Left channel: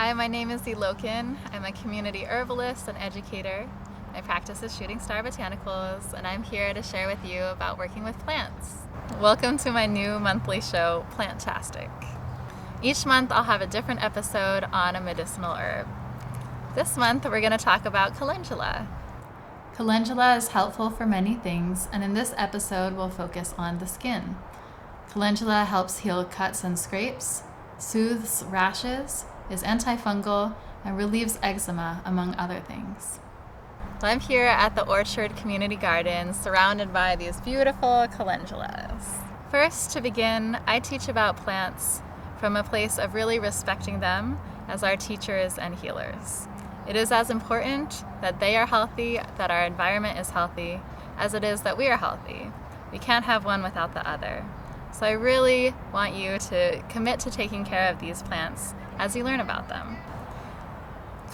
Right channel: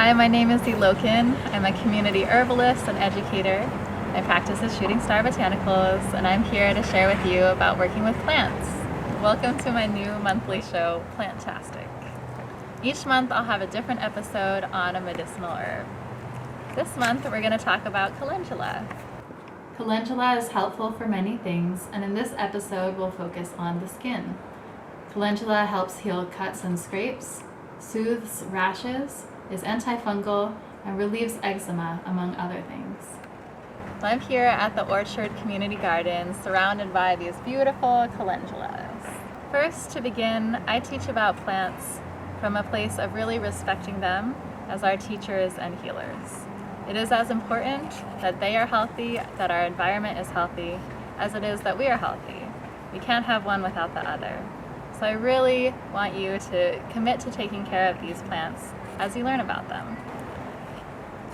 Hi, my name is Elokin. I'm a community herbalist and educator. I practice at Shooting Star Botanicals, and I'm here to share with you about working with plants. Welcome to my new monthly show, Plantastic. Each month I'll have a different episode on a medicinal herb. This month we're going to talk about calendula. Calendula is helpful for many things, and in this episode we'll focus on the skin. Calendula helps heal cuts and scrapes, soothes rashes, is antifungal, and relieves eczema, among other things. I'm here at the Orchard Community Garden, surrounded by these beautiful calendulas. First, to begin, I teach about plants from a place of really respecting them as our teachers and healers. It is as important that they are healthy, that our environment is healthy, as it is that we are healthy. We can't have one without the other. So I really want you to commit to taking care of these plants as you learn about them.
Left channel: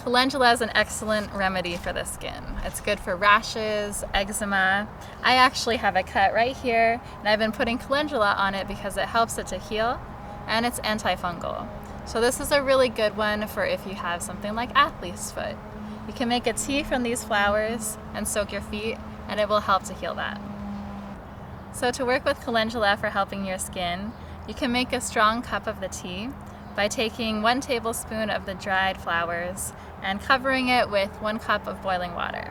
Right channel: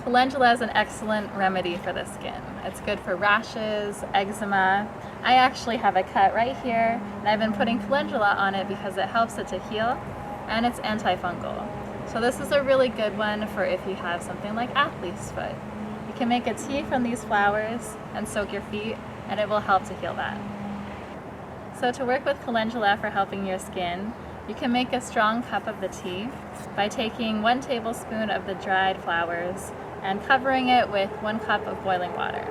Calendula is an excellent remedy for the skin. It's good for rashes, eczema. I actually have a cut right here, and I've been putting calendula on it because it helps it to heal, and it's antifungal. So this is a really good one for if you have something like athlete's foot. You can make a tea from these flowers and soak your feet, and it will help to heal that. So to work with calendula for helping your skin, you can make a strong cup of the tea by taking 1 tablespoon of the dried flowers and covering it with 1 cup of boiling water.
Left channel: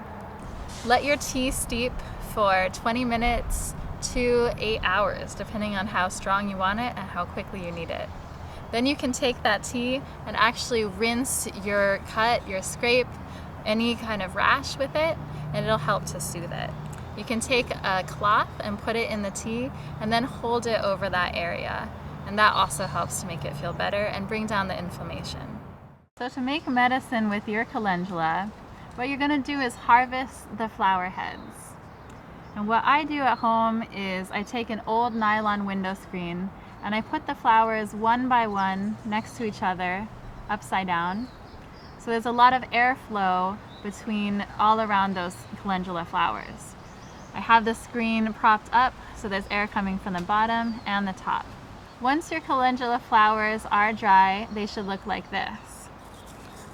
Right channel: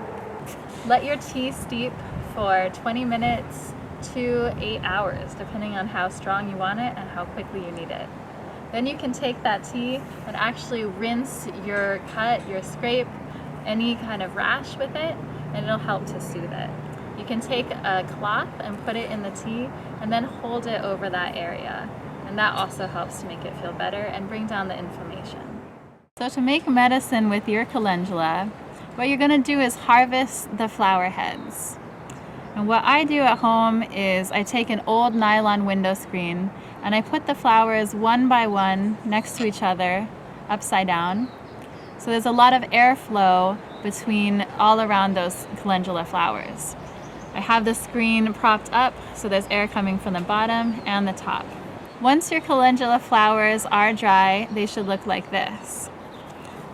Let your tea steep for 20 minutes to 8 hours, depending on how strong you want it and how quickly you need it. Then you can take that tea and actually rinse your cut, your scrape, any kind of rash with it, and it'll help to soothe it. You can take a cloth and put it in the tea and then hold it over that area. And that also helps to make it feel better and bring down the inflammation. So to make medicine with your calendula, what you're going to do is harvest the flower heads. And what I do at home is I take an old nylon window screen and I put the flowers one by one next to each other, upside down. So there's a lot of airflow between all around those calendula flowers. I have the screen propped up so there's air coming from the bottom and the top. Once your calendula flowers are dry, they should look like this.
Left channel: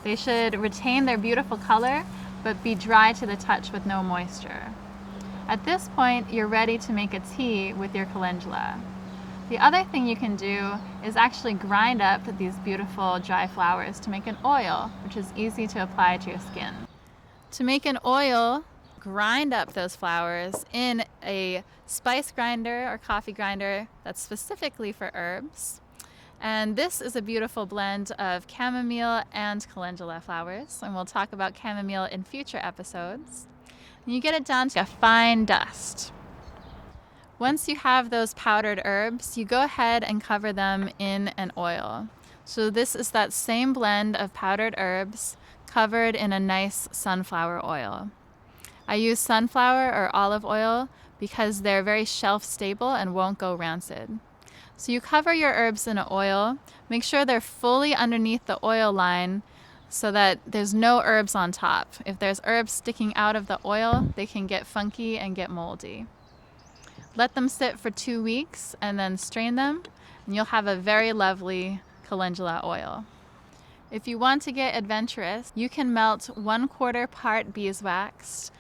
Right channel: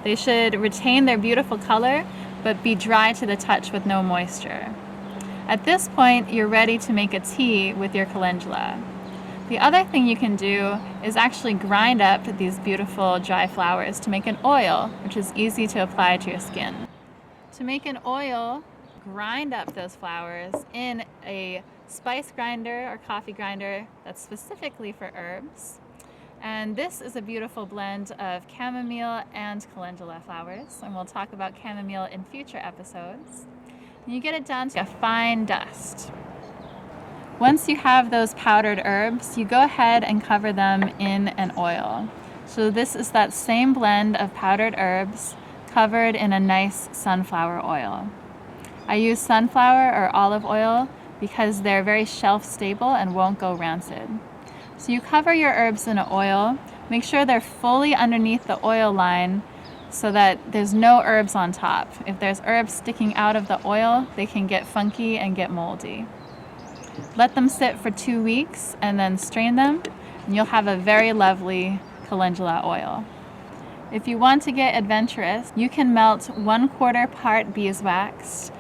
They should retain their beautiful color, but be dry to the touch with no moisture. At this point, you're ready to make a tea with your calendula. The other thing you can do is actually grind up these beautiful dry flowers to make an oil, which is easy to apply to your skin. To make an oil, grind up those flowers in a spice grinder or coffee grinder that's specifically for herbs. And this is a beautiful blend of chamomile and calendula flowers, and we'll talk about chamomile in future episodes. And you get it down to a fine dust. Once you have those powdered herbs, you go ahead and cover them in an oil. So this is that same blend of powdered herbs covered in a nice sunflower oil. I use sunflower or olive oil because they're very shelf stable and won't go rancid. So you cover your herbs in an oil, make sure they're fully underneath the oil line so that there's no herbs on top. If there's herbs sticking out of the oil, they can get funky and get moldy. Let them sit for 2 weeks and then strain them, and you'll have a very lovely calendula oil. If you want to get adventurous, you can melt 1/4 part beeswax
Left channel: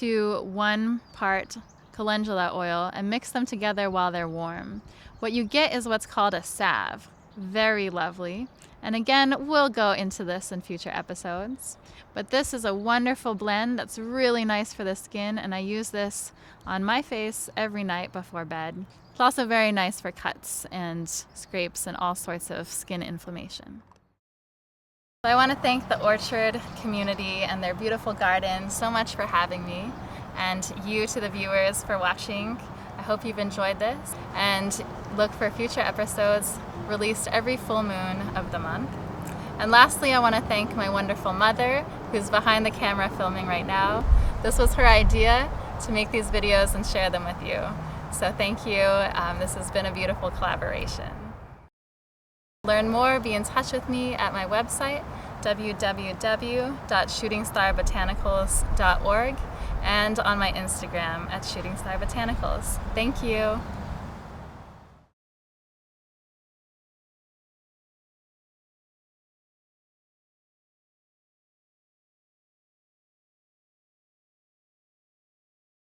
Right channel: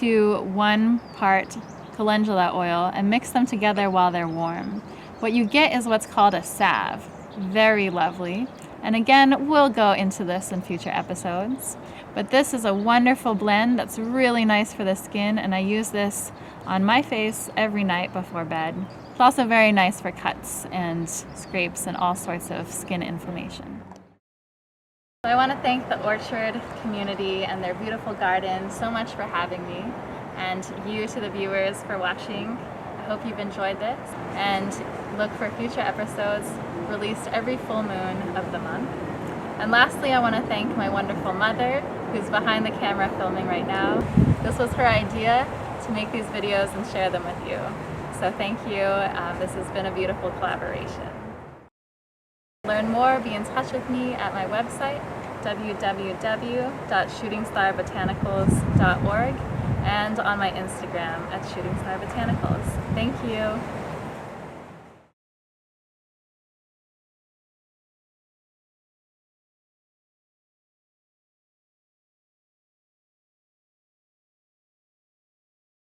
to 1 part calendula oil and mix them together while they're warm. What you get is what's called a salve. Very lovely. And again, we'll go into this in future episodes. But this is a wonderful blend that's really nice for the skin, and I use this on my face every night before bed. It's also very nice for cuts and scrapes and all sorts of skin inflammation. I want to thank the Orchard community and their beautiful garden so much for having me, and you to the viewers for watching. I hope you've enjoyed this, and look for future episodes released every full moon of the month. And lastly, I want to thank my wonderful mother who's behind the camera filming right now. This was her idea to make these videos and share them with you. So thank you. This has been a beautiful collaboration. Learn more, be in touch with me at my website, www.shootingstarbotanicals.org, and on my Instagram at Shooting Star Botanicals. Thank you.